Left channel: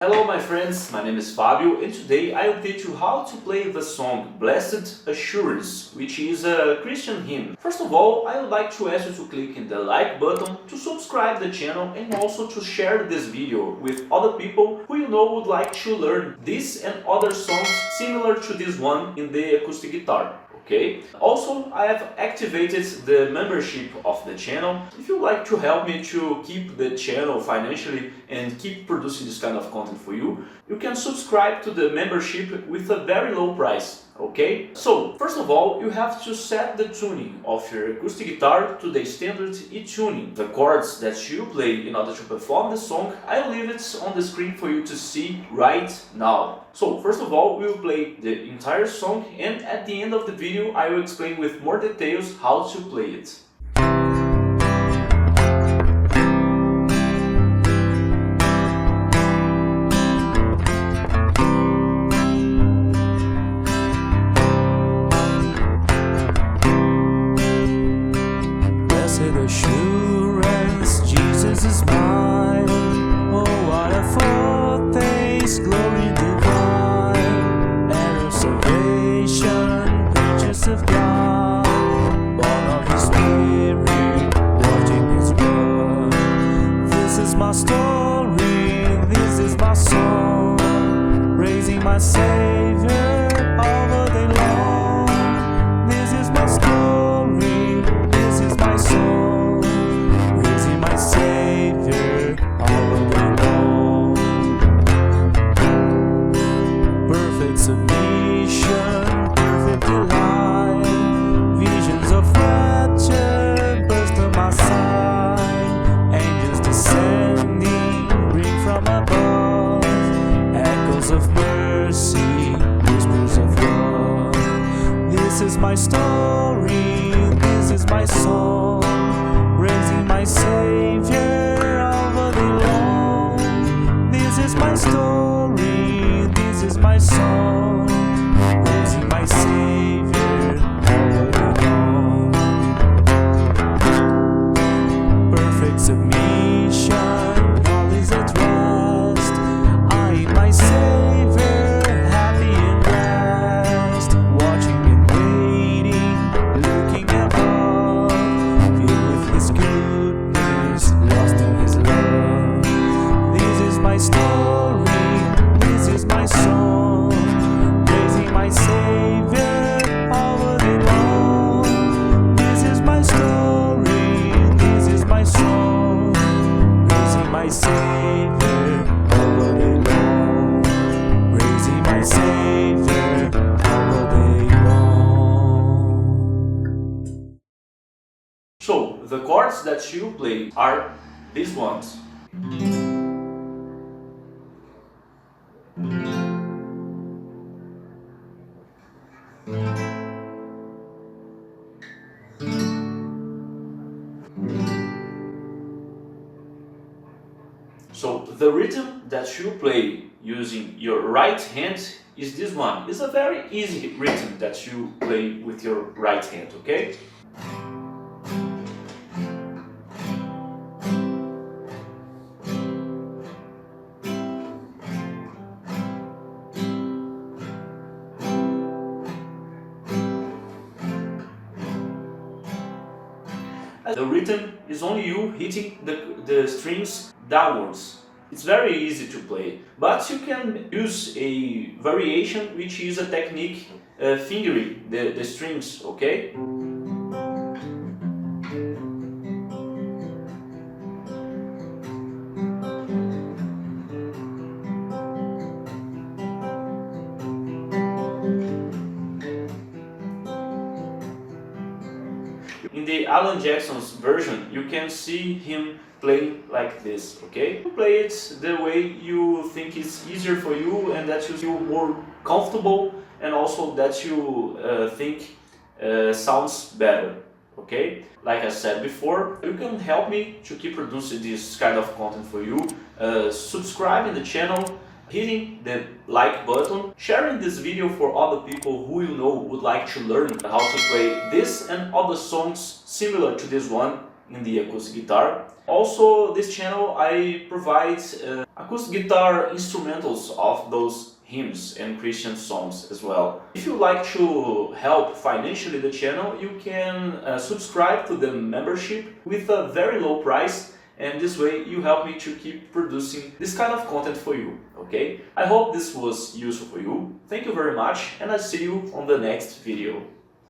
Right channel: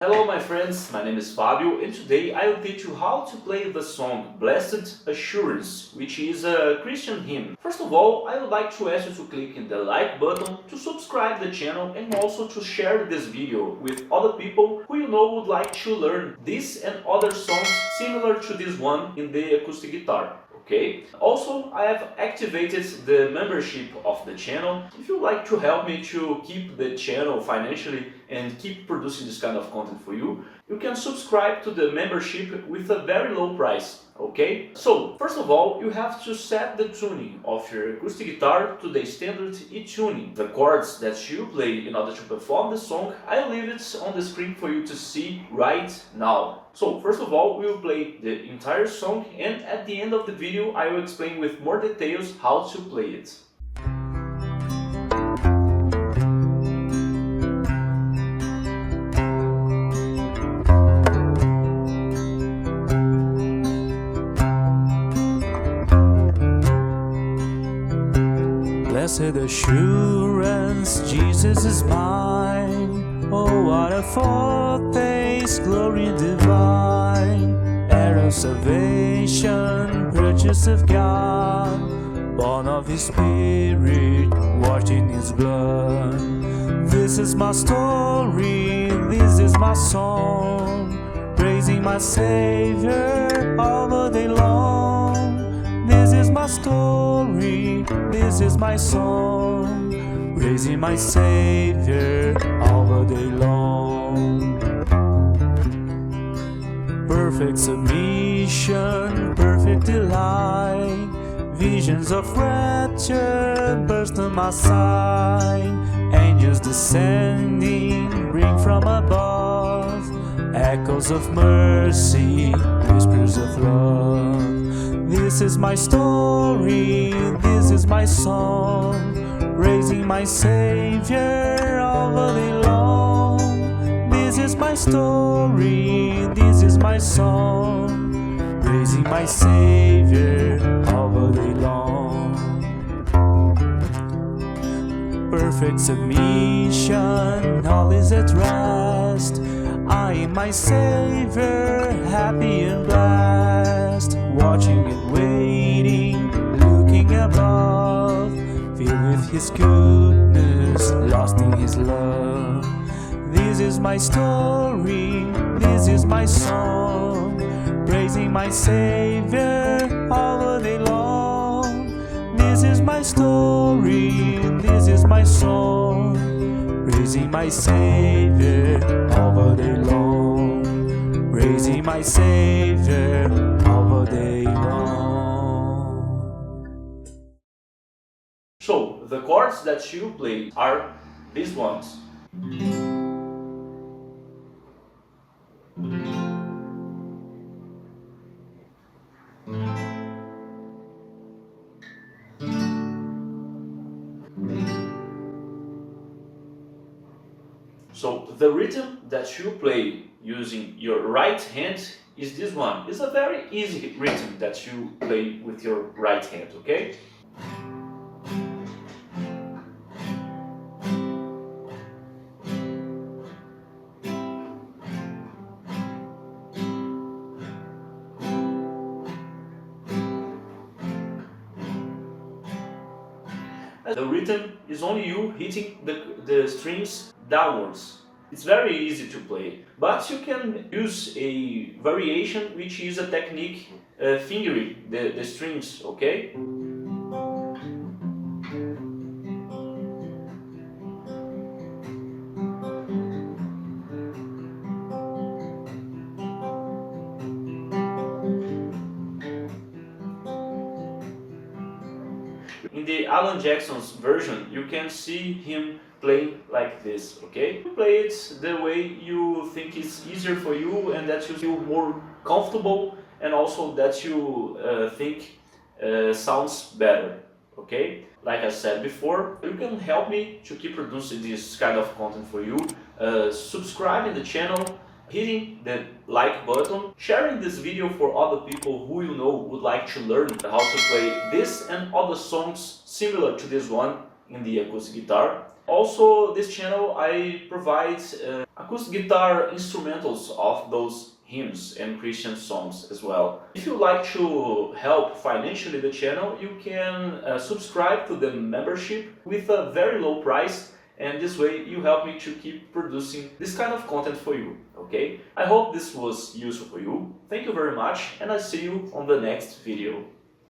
Hello my friends, my name is Fabio and today I will teach you how to play the song Blessed Assurance, which is a Christian hymn. First of all, I would like to ask you to click in the like button to subscribe the channel and also to share this video with other people who you know would like to learn this and other songs similar to this one in the acoustic guitar. Okay. Also, I have activated the membership of the channel. If you'd like to help me to keep the channel financially and keep producing this kind of content for you, you can subscribe to the membership with a very low price. Okay? So, first of all, you have to set the tuning of your acoustic guitar to the standard E tuning. The chords that you play in order to perform the song, I'll leave it on the screen for you to see right now. So, first of all, we will play the entire song and at the end of the video I will explain with more details how to play it. Blessed assurance, Jesus is mine. Oh, what a foretaste, glory divine, heir of salvation, purchase of God, born of His Spirit, washed in His blood. This is my story, this is my song, praising my Savior all the day long. This is my story, this is my song, praising my Savior all the day long. Perfect submission, perfect delight, visions of rapture burst on my sight, angels descending bring from above, echoes of mercy, whispers of love. This is my story, this is my song, raising my Savior all the day long. This is my story, this is my song, praising my Savior all the day long. Perfect submission, all is at rest. I am my Savior, happy and blessed, watching and waiting, looking above, filled with His goodness, lost in His love. This is my story, this is my song, praising my Savior all the day long. This is my story, this is my song, praising my Savior all the day long, praising my Savior all the day long. So, the chords that you play are these ones. So the rhythm that you play using your right hand is this one. It's a very easy rhythm that you play with your right hand, okay? The rhythm is only you hitting the strings downwards. It's very easy to play, but you can use a variation which is a technique fingering the strings, okay? In the Alan Jackson's version, you can see him playing like this, okay? You play it the way you think is easier for you and that you feel more comfortable and also that you think sounds better, okay? Like I said before, you can help me to keep producing this kind of content for you, subscribing the channel, hitting the like button, sharing this video for other people who you know would like to learn how to play this and other songs similar to this one in the acoustic guitar. Also, this channel I provide acoustic guitar instrumentals of those hymns and Christian songs as well. If you like to help financially the channel, you can subscribe to the membership with a very low price, and this way you help me to keep producing this kind of content for you, okay? I hope this was useful for you. Thank you very much, and I'll see you on the next video.